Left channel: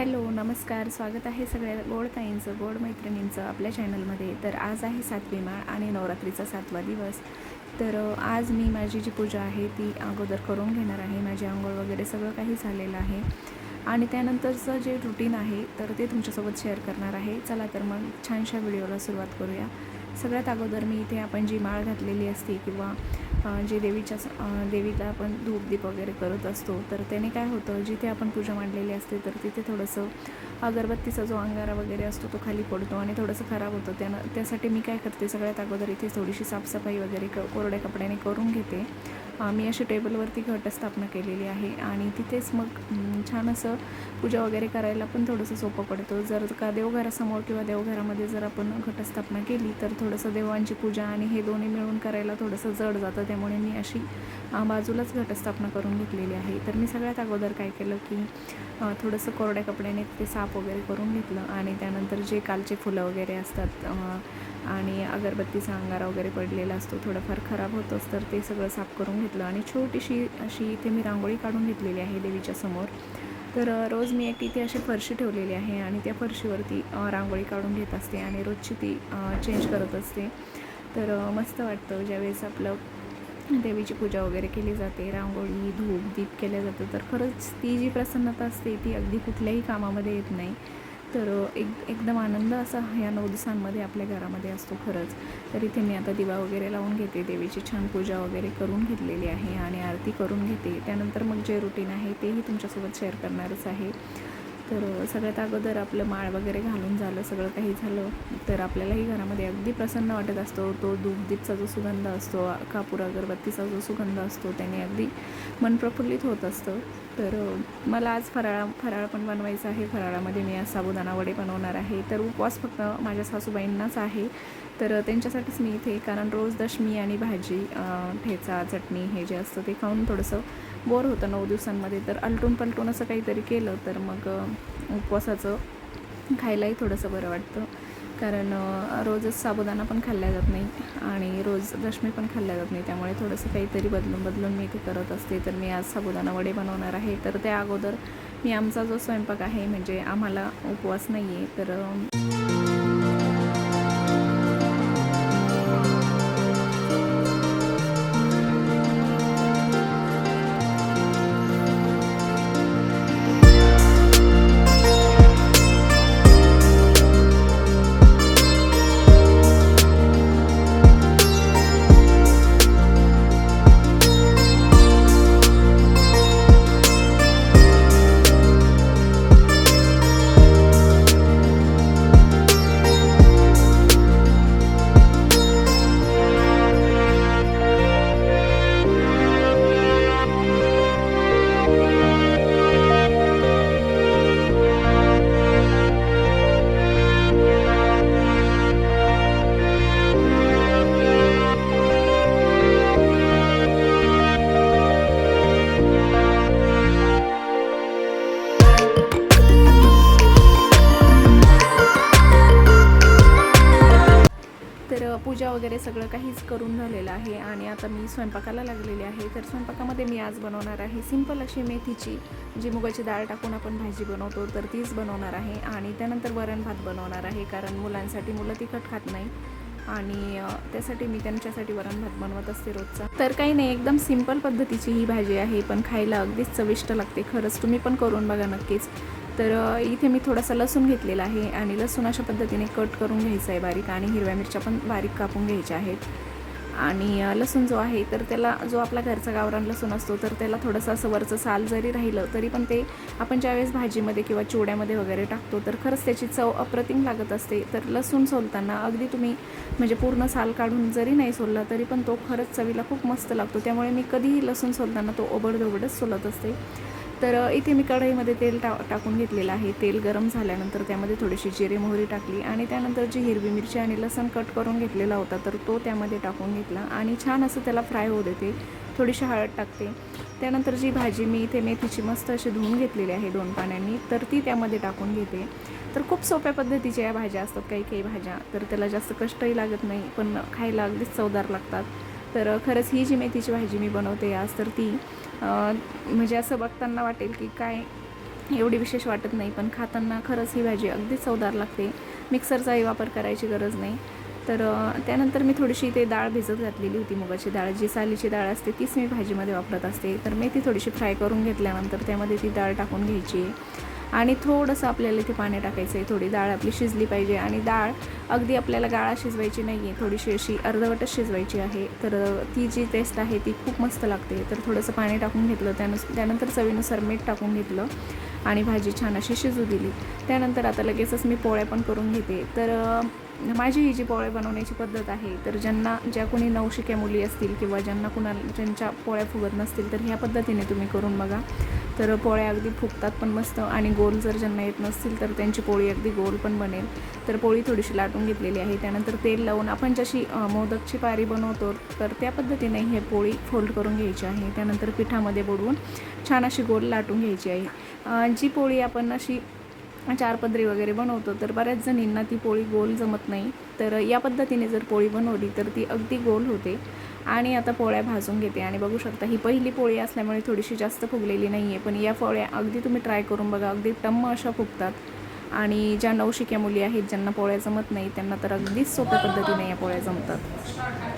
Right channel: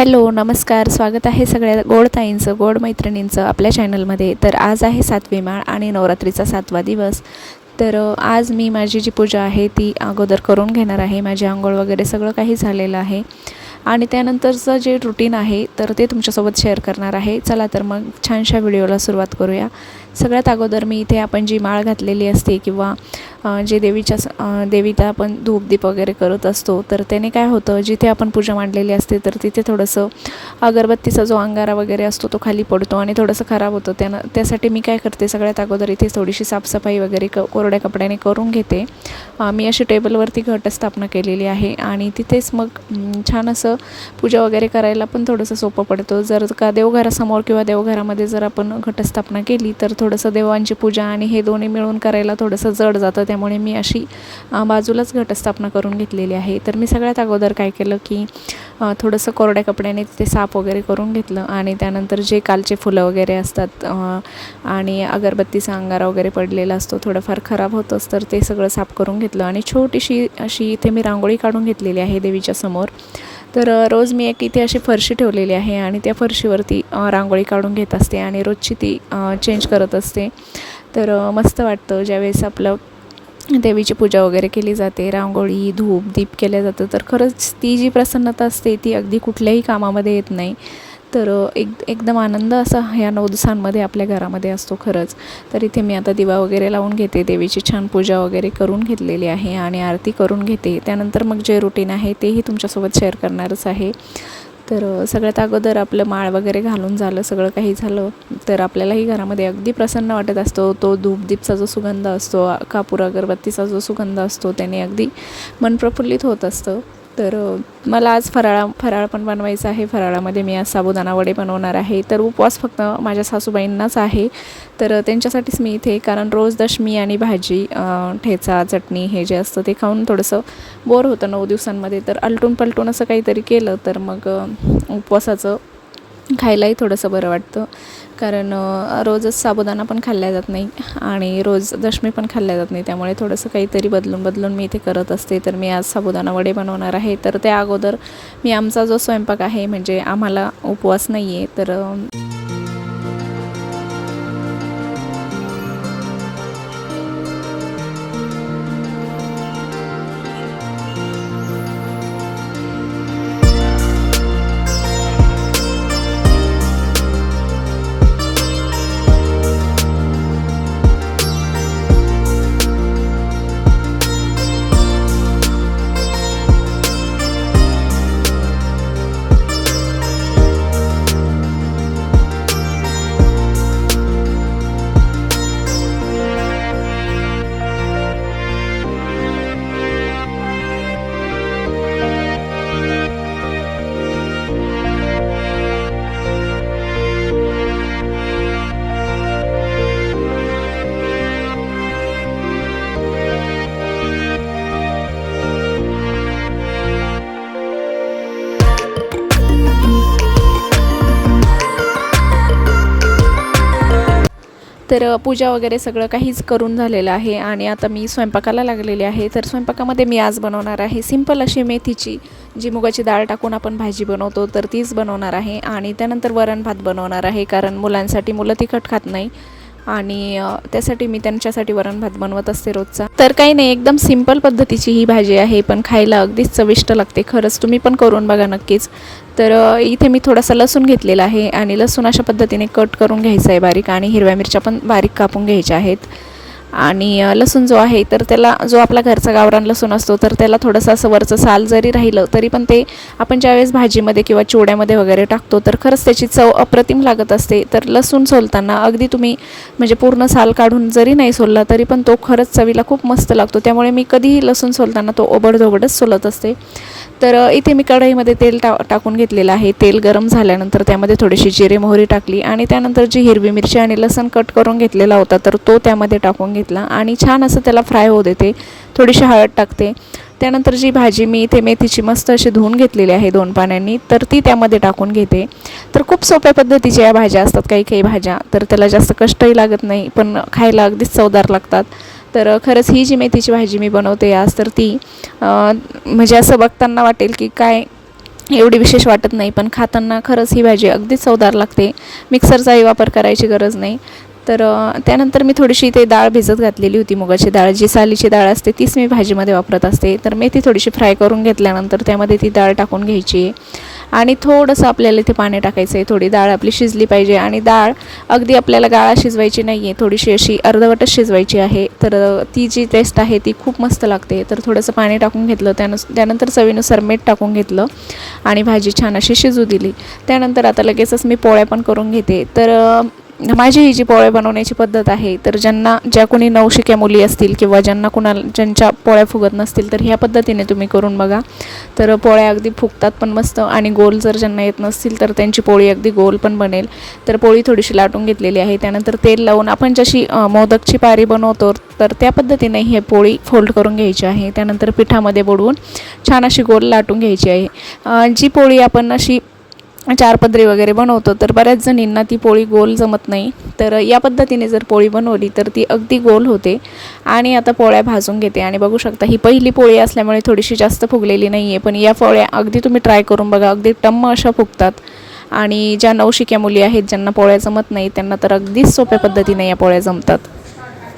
Hello, नमस्कार. स्वागत आहे सगळ्या गोड ताईंचं, गोड मैत्रिणींचं आपल्या चॅनलमध्ये. तर आज आहे 7वी माळ आणि नवरात्रीचा 7वा दिवस. तर आज मी माझी जी पूजा आहे ती अगोदर करून घेणार आहे. माझी अंघोळ वगैरे सगळं काही झालेलं आहे आणि त्यानंतरचं जे रुटीन आहे तर ते तुमच्यासोबत शेअर करणार आहे. चला तर मग छानशा व्हिडिओला सुरुवात करूया. सगळ्यात अगोदर मी इथे आपण जी माळ घातलेली असते किंवा जे देवीला आपण धूपदीप वगैरे करत असतो, तर त्याने काय होतं, जिथे आपण पूजा मांडलेली असते तर तिथे थोडंसं अगरबत्तीचा जो अंगारा वगैरे असतो तो खाली पडतो आणि थोडंसं खराब होतं. त्यासाठी मी काय करते, सगळ्यात अगोदर इथे थोडीशी साफसफाई वगैरे कोरड्या कपड्याने करून घेते. मी अशी टेबलवरती घटस्थापना केलेली आहे आणि तिथेच मग छान असं पूजा वगैरे करायला पण थोडंसं सोपं पडतं. जर का देवघरासमोर किंवा देवघरामध्ये जर आपण घटस्थापना केली तर थोडंसं देवांची पूजा आणि हे दोन्ही मिळून करायला थोडंसं जड जातं. त्यामुळे मी अशी बाजूलाच घटस्थापना करून घेतलेली आहे. तर मी सगळ्यात अगोदर काय केलं की थोडंसं कोरड्या कपड्याने ते साफ वगैरे करून घेतलं आणि त्यानंतर जे कालचे फुलं वगैरे असतात आणि अगरबत्तीचा अंगारा वगैरे पडलेला असतो, थोडंफार खराब होतंच, तर ते सगळं साफ करून घेतलं आणि छोटीशी अशी इथे मी रांगोळी काढून घेतलेली आहे देवीच्या समोर. तर रोज मी एक इथे अशी फरशी ठेवलेली आहे आणि त्या फरशीवरती रांगोळी काढून घेत असते आणि रोजची ती चेंज करत असते. तर मस्त वाटतं ज्यावेळेस आपलं देवीची पूजा वगैरे केली जाते, रांगोळी, धूप, दीप केलं जातं, तर खरंच ती जी प्रसन्नता असते ती अगदी कुठल्याही कामामध्ये येत नाही. तर एकदम आनंद असा ह्या 9 दिवसांमध्ये आपल्या घरामध्ये असतो खरंच. तर इथे मी आता दिवा वगैरे लावून घेते, देवीची छान पूजा वगैरे करून घेतलेली आहे आणि आरती करून घेते. त्यानंतर मग जे रुटीन आहे तेही तुमच्यासोबत शेअर करणारच आहे. तर सगळ्यात अगोदर आपलं माळ वगैरे घालून झालं, सगळं काही झालं, तर आपल्यालाही घरामध्ये अगदी प्रसन्न वाटत असतो. तो धूपदीपचा जो सुगंध असतो, कापूर अगरबत्तीचा जो सुगंध असतो, त्याने अगदी मन प्रफुल्लित होत असतं. तर मला आज फराळ पण बनवायचा आहे. फराळामध्ये मी आज साबुदाणा वडे बनवणार आहे. तर उपवास फक्त माझ्या सासूबाईंनाच आहे, तर त्यांच्यासाठीच मी इथे, कारण रोज दशमी आणि भाजी, ठेचा, चटणी हे जे असतं ते खाऊन थोडंसं बोर होतं 9 दिवसांमध्ये. तर आलटून पलटून असं काहीतरी केलं तर मग उपवासाचं खायलाही थोडंसं बरं वाटतं. कारण रोजच साबुदाणा पण खाल्ला जात नाही आणि रोज दशमी पण खाल्ल्या जात नाही. त्यामुळे थोडंसं काहीतरी बदलून मी इथे करत असते. तर मी आज साबुदाणा वडे बनवणार आहे. तर त्या अगोदर मी आमचा जो स्वयंपाक आहे, म्हणजे आम्हाला उपवास नाही आहे, तर तर पूजा वगैरे सगळं काहीच करून झालेलं आहे आणि आता मी स्वयंपाकाला लागलेली आहे. तर स्वयंपाकामध्ये मी आज बनवणार आहे सिंपल अशी मेथीची जी मुगाची डाळ टाकून आपण भाजी बनवतो, तर तीच बनवणार आहे आणि त्यानंतर वरण भात बनवणार आहे. कारण मुलं तिखट खात नाही आणि त्यासाठी मी त्यांच्यासाठी वरण भात बनवत असते रोजचा. तर काही नाही, एकदम सिंपल पद्धतीची ही भाजी आहे, पण खायला अगदीच चविष्ट लागते. खरंच तुम्ही पण करून बघा नक्कीच. तर इथे मी थोडासा लसूण घेतलेला आहे आणि लसूण अशा पद्धतीने कट करून घ्यायचा आहे बारीक, आणि हिरव्या मिरच्या पण बारीक कापून घ्यायच्या आहेत. आणि लसूण जो आहे तर त्याला, जो आपला घरचा गावरान लसूण असतो, तर त्याला थोडंसं असं वरचं साल जरी राहिलं तरी पण ते आपण ज्यावेळेस भाजीमध्ये किंवा चिवड्यामध्ये वगैरे टाकतो तर खरंच त्याची चव अप्रतिम लागत असते. तर लसूण सोलताना अगदी तुम्ही म्हणजे पूर्ण साल काढून जरी नाही सोलला तरी पण तो खरंच चवीला खूप मस्त लागतो. त्यामुळे मी कधीही लसूण सोलताना तो ओबडधोबडच सोलत असते. तर इथे मी कढईमध्ये तेल टाकून घेतलेलं आहे. तेल गरम झाल्यानंतर त्यामध्ये थोडीशी जिरे मोहरी टाकली आणि त्यानंतर जी हिरवी मिरची आणि लसूण कट करून घेतलेला होता तर तो त्यामध्ये टाकून घेतला आणि छान असं त्याला फ्राय होऊ देते. थोडीशी हळद टाकते. त्यानंतर जी भाजी मी इथे मेथीची मस्त अशी धुवून घेतलेली आहे 2 पाण्याने, तर ती त्यामध्ये टाकून घेते. तर खूप सोप्या पद्धतीच्या या भाज्या असतात काही भाज्या, तर त्याला जास्त कष्टही लागत नाही, पण खायला अगदीच चवदार लागतात. तर खरंच ही जी मेथीची भाजी मी बनवते आज, तर ती म्हणजे असं बघताना वाटेल की काय एवढी विशेष वाटत नाही, पण खाताना खरंच ही भाजी अगदी चवदार लागते. मिक्सरचाही वापर करायची गरज नाही. तर त्यानंतर मी थोडीशी ते डाळ भिजत घातलेली होती, मुगाची डाळ, जी सालीची डाळ असते तीच मी भाजीमध्ये वापरत असते. तर मेथी थोडीशी फ्राय करून घेतल्यानंतर त्यामध्ये ती डाळ टाकून घ्यायची आहे आणि थोडंसं आपल्याला इथे पाणी टाकायचं आहे. थोडी डाळ आपली शिजली पाहिजे आणि डाळ अगदी आपल्याला गाळा शिजवायची नाही आहे, थोडीशी अशी अर्धवटच शिजवायची आहे. तर ती जी टेस्ट आहे ती खूप मस्त लागते. तर थोडंसं पाणी टाकून घेतलं, त्यानंतर चवीनुसार मीठ टाकून घेतलं आणि भाजी छान अशी शिजू दिली. त्यानंतर आता लगेचच मी पोळ्या पण करून घेते. तर माझी ही जी पोळ्या बनवण्याची पद्धत आहे, तर ज्या कोणी नवशिक्या मुली असतील किंवा ज्यांच्या पोळ्या फुगत नसतील, तर ह्या पद्धतीने तुम्ही करून बघा. तर पोळ्या अगदी फुगतात पण मस्त, आणि गोल जर ज्यांना येत नसतील तर त्यांची पोळी अगदी गोल पण बनेल. तर पोळी थोडीशी लाटून घेतलेली आहे. त्यानंतर तेल लावून आपण जशी मोदकची पारी बनवतो तर त्या पद्धतीने ही पोळी फोल्ड करून घ्यायची आहे. त्यानंतर पिठामध्ये बुडवून छान अशी गोल लाटून घ्यायची आहे. जी पोळी आपण अशी चारपदरी वगैरे बनवतो तर बऱ्याच जणींना ती पोळी गोल जमत नाही. तर या पद्धतीने जर पोळी बनवली तर ती अगदी गोल होते. आणि आता पोळ्या भाजून घेते आणि बघू शकता ही पहिली पोळी असल्यामुळे थोडीशी जास्त फुगलेली नाही आहे, पण या पोळ्या अगदी तुम्ही ट्राय करून बघा, अगदी टम्म अशा फुगतात. आणि ज्या नवशिक्या मुली आहेत ज्यांना पोळ्या जमत नाही त्यांना तर अगदीच सोप्या पद्धतीने या पोळ्या जमतात.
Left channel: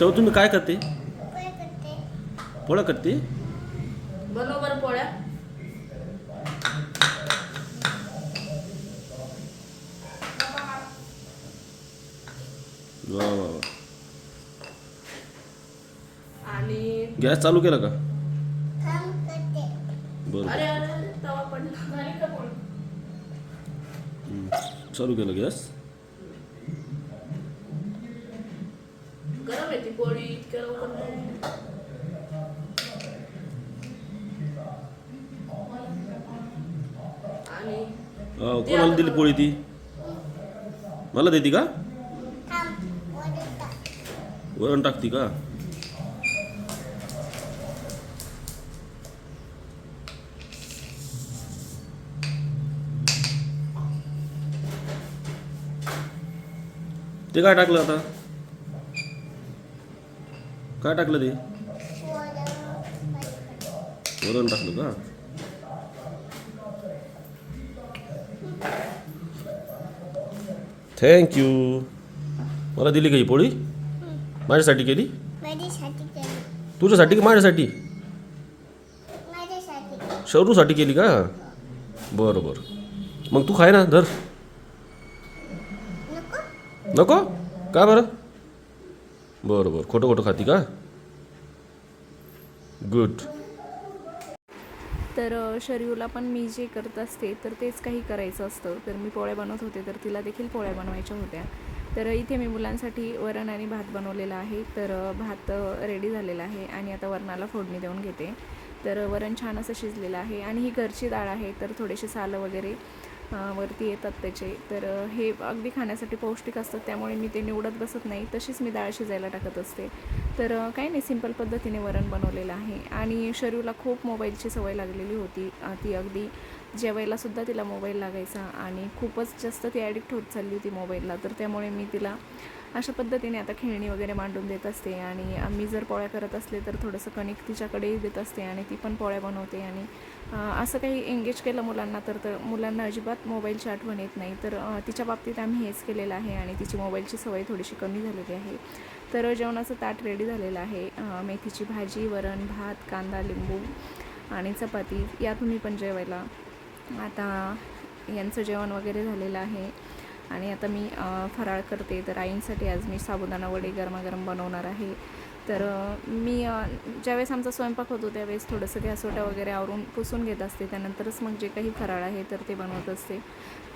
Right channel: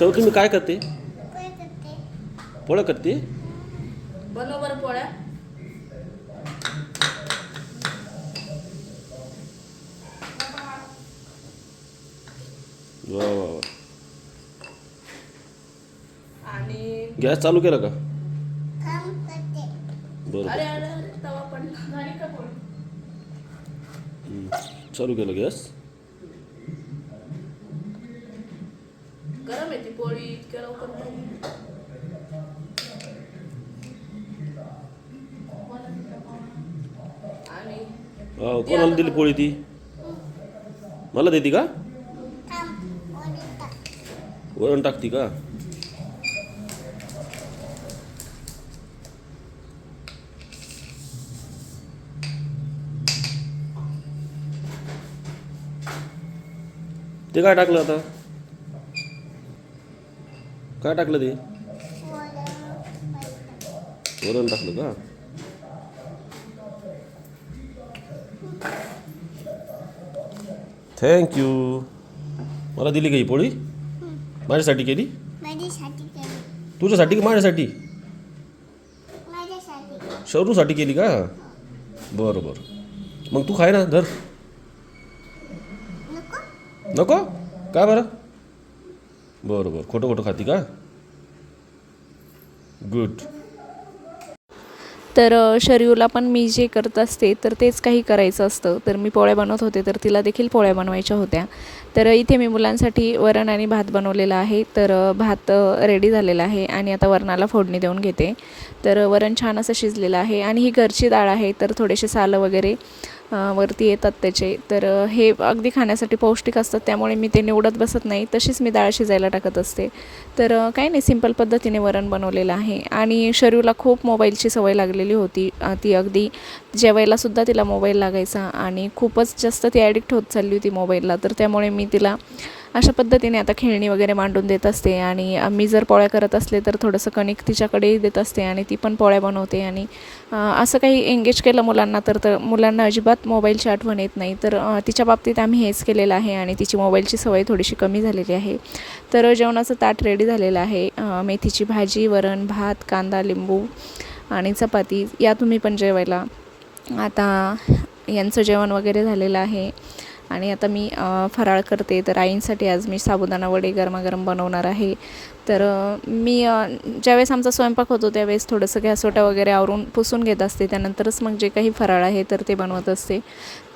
तुम्ही काय करते? पोळ्या करते? बरोबर पोळ्या. वा वा वा. आणि गॅस चालू केला का? बरोबर, चालू केलं गॅस. गरम आहे ती पोळी, इतक्या लवकर कोणाला दिली पोळी ती? मला देती का? वरण टाकती का? ते काय टाकलं आता? काय टाकलं ते? वरण टाकलं का? थँक्यू. मला दिली का ही पोळी? माझ्यासाठी केली? तुझ्यासाठी की माझ्यासाठी? शरूसाठी केली का? बरं बरं, मग तू खाय ना, धर. नको? का बरं? बरं बरं, खोटं खोटं खाती का? गुड. तर शरीयूला पण मी जे करत असते तर तेच काही करायचं असतं. तर मी पोळ्या बनवत होते तर तिला देखील पोळ्या बनवायच्या होत्या. तर इथे मी मुलांसाठी वरण आणि भात बनवलेला आहे. तर भात रेडी झालेला आहे आणि आता वरणाला फोडणी देऊन घेते. तर वरण छान असं शिजलेलं आहे आणि ही घरची डाळ आहे, तर थोडेसे सालं वगैरे वरती येतात त्याचे. तर हे अगदी खाण्यासाठी पौष्टिक असतात, त्यामुळे मी ते निवडत बसत नाही, तशीच मी डाळ शिजायला टाकत असते. तर काही नाही, सिंपल पद्धतीने वरण बनवलेलं आहे. आणि शरीयूला खूप मोबाईलची सवय लागलेली होती. ती अगदी जेवायलासुद्धा तिला मोबाईल लागायचा आणि खूपच जास्त ती ॲडिक्ट होत चालली होती मोबाईलला. तर त्यामुळे मी तिला अशा पद्धतीने आता खेळणी वगैरे मांडून देत असते. आणि मी जर पोळ्या करत असले तर थोडंसं कणिक तिच्याकडेही देत असते आणि ती पण पोळ्या बनवते. आणि असं काही एंगेज केलं मुलांना तर मुलांना अजिबात मोबाईलची आठवण येत नाही. तर तिच्या बाबतीत आम्ही हेच केलेलं आहे आणि तिची मोबाईलची सवय थोडीशी कमी झालेली आहे. तर जेवणाचं ताट रेडी झालेलं आहे. मेथीची भाजी, वरण, भात, कांदा, लिंबू आणि चपाती, या तुम्ही पण जेवायला. आता यांचं जेवण वगैरे झालेलं आहे आणि आता मी फराळ करते. तर आईंसाठी आज मी साबुदाणा वडे गरमागरम बनवणार आहे. तर मी ज्यावेळेस आमचा स्वयंपाक होतो त्यावेळेस थोडंसं गॅसोटा वगैरे आवरून पुसून घेत असते, त्यानंतरच मग जे काही फराळ आहे तर ते बनवत असते.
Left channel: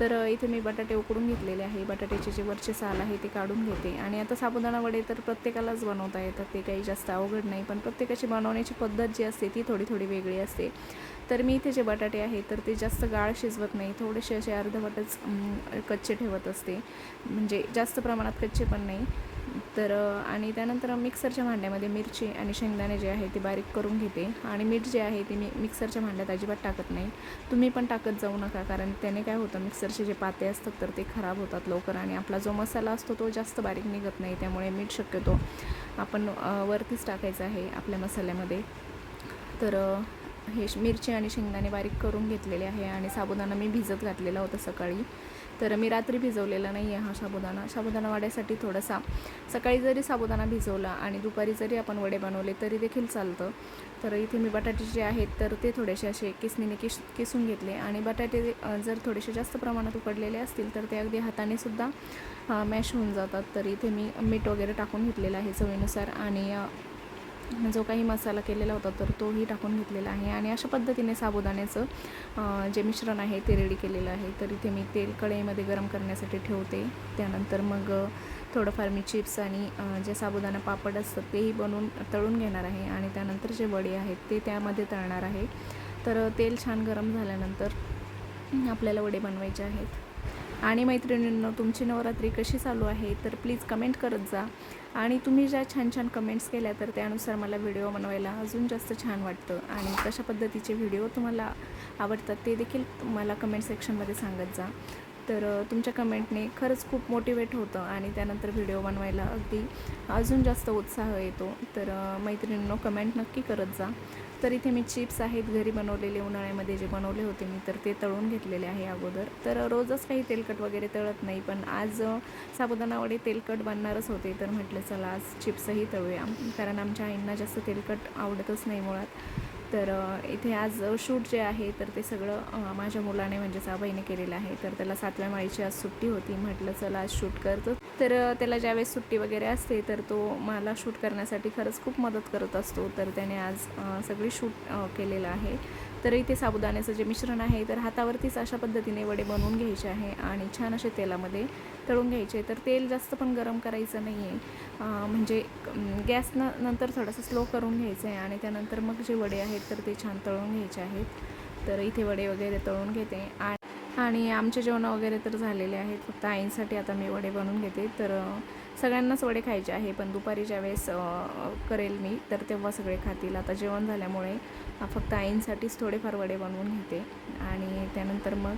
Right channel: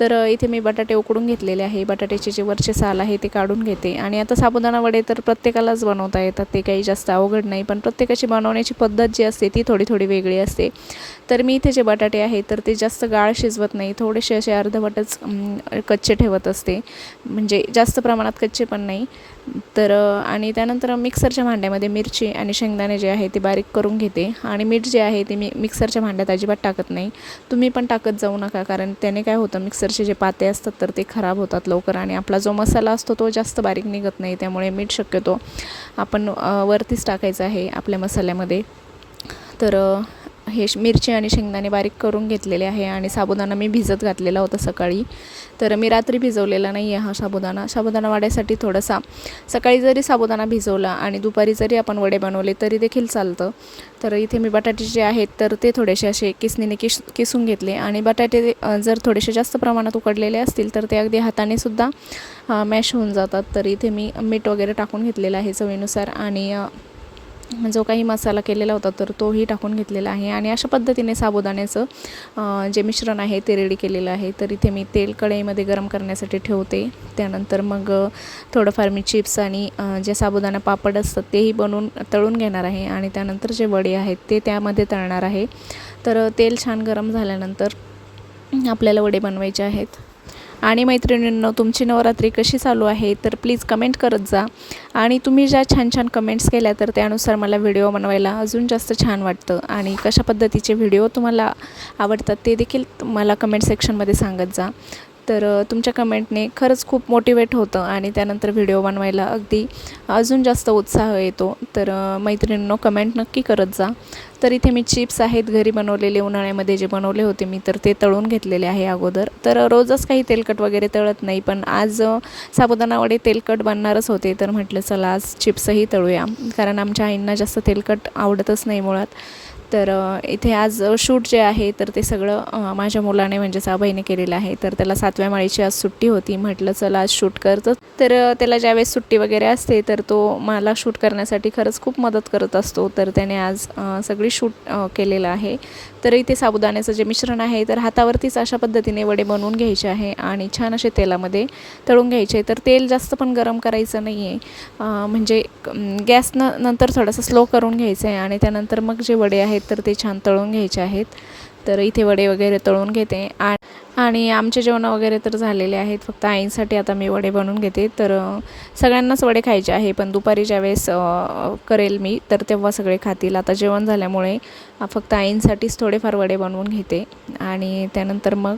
तर इथे मी बटाटे उकडून घेतलेले आहे. बटाट्याचे जे वरचे साल आहे ते काढून घेते. आणि आता साबुदाणा वडे तर प्रत्येकालाच बनवता येतात, ते काही जास्त अवघड नाही, पण प्रत्येकाची बनवण्याची पद्धत जी असते ती थोडी थोडी वेगळी असते. तर मी इथे जे बटाटे आहे तर ते जास्त गाळ शिजवत नाही, थोडेसे असे अर्धवटच कच्चे ठेवत असते, म्हणजे जास्त प्रमाणात कच्चे पण नाही. तर आणि त्यानंतर मिक्सरच्या भांड्यामध्ये मिरची आणि शेंगदाणे जे आहे ते बारीक करून घेते. आणि मीठ जे आहे ते मी मिक्सरच्या भांड्यात अजिबात टाकत नाही. तुम्ही पण टाकत जाऊ नका, कारण त्याने काय होतं, मिक्सरचे जे पाते असतात तर ते खराब होतात लवकर आणि आपला जो मसाला असतो तो जास्त बारीक निघत नाही. त्यामुळे मीठ शक्यतो आपण वरतीच टाकायचं आहे आपल्या मसाल्यामध्ये. तर हे मिरची आणि शेंगदाणे बारीक करून घेतलेले आहे आणि साबुदाणा मी भिजत घातलेला होता सकाळी. तर मी रात्री भिजवलेला नाही आहे हा साबुदाणा वड्यासाठी थोडासा सकाळी जरी साबुदाणा भिजवला आणि दुपारी जरी आपण वडे बनवले तरी देखील चालतं. तर इथे मी बटाटे जे आहेत तर ते थोडेसे असे किसणीने किसून घेतले आणि बटाटे जर थोडेसे जास्त प्रमाणात उकडलेले असतील तर ते अगदी हाताने सुद्धा मॅश होऊन जातात. तर इथे मी मीठ वगैरे टाकून घेतलेलं आहे चवीनुसार आणि जो काही मसाला केलेला होता तर तोही टाकून घेतलेला आहे आणि अशा पद्धतीने साबुदाण्याचं जे मिश्रण आहे ते रेडी केलेलं आहे. तर इथे मी तेल कढईमध्ये गरम करण्यासाठी ठेवते. त्यानंतर मग थोडंफार मी चिप्स आणि जे साबुदाणा पापड असतात तेही बनवून तळून घेणार आहे आणि त्यानंतर जे वडे आहेत ते त्यामध्ये तळणार आहे. तर तेल छान गरम झाल्यानंतर आपल्याला वडे बनवायचे आहेत. आणि मैत्रिणींनो, तुमची नवरात्री कशी चालू आहे तर प्लीज कमेंट करत जा आणि तुम्ही ज्या छान छान कमेंट्स केल्या तर त्यानुसार मला व्हिडिओ बनवायला अजून जास्त छान वाटतं. आणि कशा पद्धतीचे व्हिडिओ तुम्हाला आवडतात ते देखील मला कमेंट सेक्शनमध्ये सांगत जा. तर तुमच्या कमेंटने खरंच खूप मोटिवेट होतं आणि त्यानंतर व्हिडिओ बनवायला अगदी अजून जास्त उत्साह येतो. तर मैत्रिणींनो, कमेंट नक्की करत जा. तर इथे मी चिप्स आहेत घरी बनवलेले, उन्हाळ्यामध्ये जे बनवले होते मी तर ते तळून घेतलेले आहे अगोदर. तर रोजच काही तेलकट वगैरे तळत नाही, पण आज साबुदाणा वडे तेलकट बनणारच होते तर म्हटलं चला आज चिप्सही तळूया, कारण आमच्या आईंना जास्त तेलकट आवडतच नाही मुळात. तर इथे आज शूट जे आहे तर ते सगळं माझ्या मुलाने म्हणजेच आबाईने केलेलं आहे. तर त्याला 7व्या माळीची आज सुट्टी होती. म्हटलं चला आज शूट करतो. तर त्याला ज्यावेळेस सुट्टी वगैरे असते तर तो मला शूट करण्यासाठी खरंच खूप मदत करत असतो. तर त्याने आज सगळी शूट केलेलं आहे. तर इथे साबुदाण्याचं जे मिश्रण आहे तर हातावरतीच अशा पद्धतीने वडे बनवून घ्यायचे आहे आणि छान असे तेलामध्ये तळून घ्यायचे. तर तेल जास्त पण गरम करायचं नाही आहे, म्हणजे गॅस नंतर थोडंसं स्लो करून घ्यायचं आहे आणि त्यानंतर मग जे वडे आहेत तर ते छान तळून घ्यायचे आहेत. तर इथे वडे वगैरे तळून घेते आणि आमचे जेवण वगैरे तर झालेले आहेत. फक्त आईंसाठी आता मी वडे बनवून घेते. तर सगळ्यांनाच वडे खायचे आहे, पण दुपारी ज्यावेळेस करेल मी तर तेव्हा सगळे खातील. आता जेवण झाल्यामुळे फक्त आईंसाठीच थोडेफार वडे बनवून घेते आणि त्यानंतर मग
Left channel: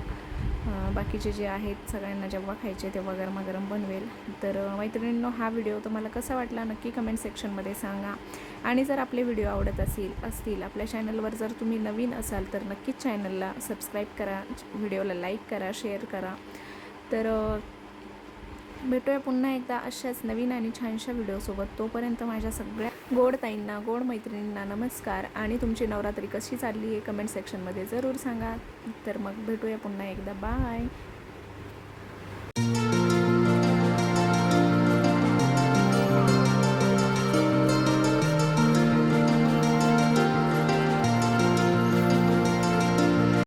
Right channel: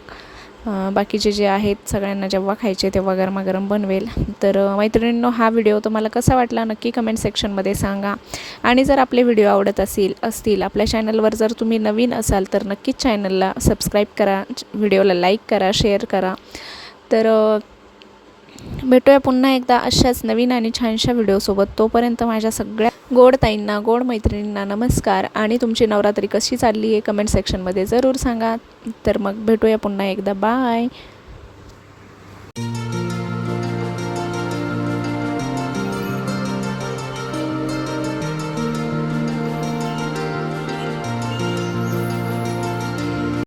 बाकीचे जे आहेत सगळ्यांना जेव्हा खायचे तेव्हा गरमागरम बनवेल. तर मैत्रिणींनो, हा व्हिडिओ तुम्हाला कसा वाटला नक्की कमेंट सेक्शनमध्ये सांगा. आणि जर आपले व्हिडिओ आवडत असतील आपल्या चॅनलवर जर तुम्ही नवीन असाल तर नक्कीच चॅनलला सबस्क्राईब करा, व्हिडिओला लाईक करा, शेअर करा. तर भेटूया पुन्हा एकदा अशाच नवीन आणि छानशा व्हिडिओसोबत. तोपर्यंत माझ्या सगळ्या गोड ताईंना, गोड मैत्रिणींना नमस्कार. आणि तुमची नवरात्री कशी चालली आहे कमेंट सेक्शनमध्ये ज़रूर सांगा. तर मग भेटूया पुन्हा एकदा. बाय.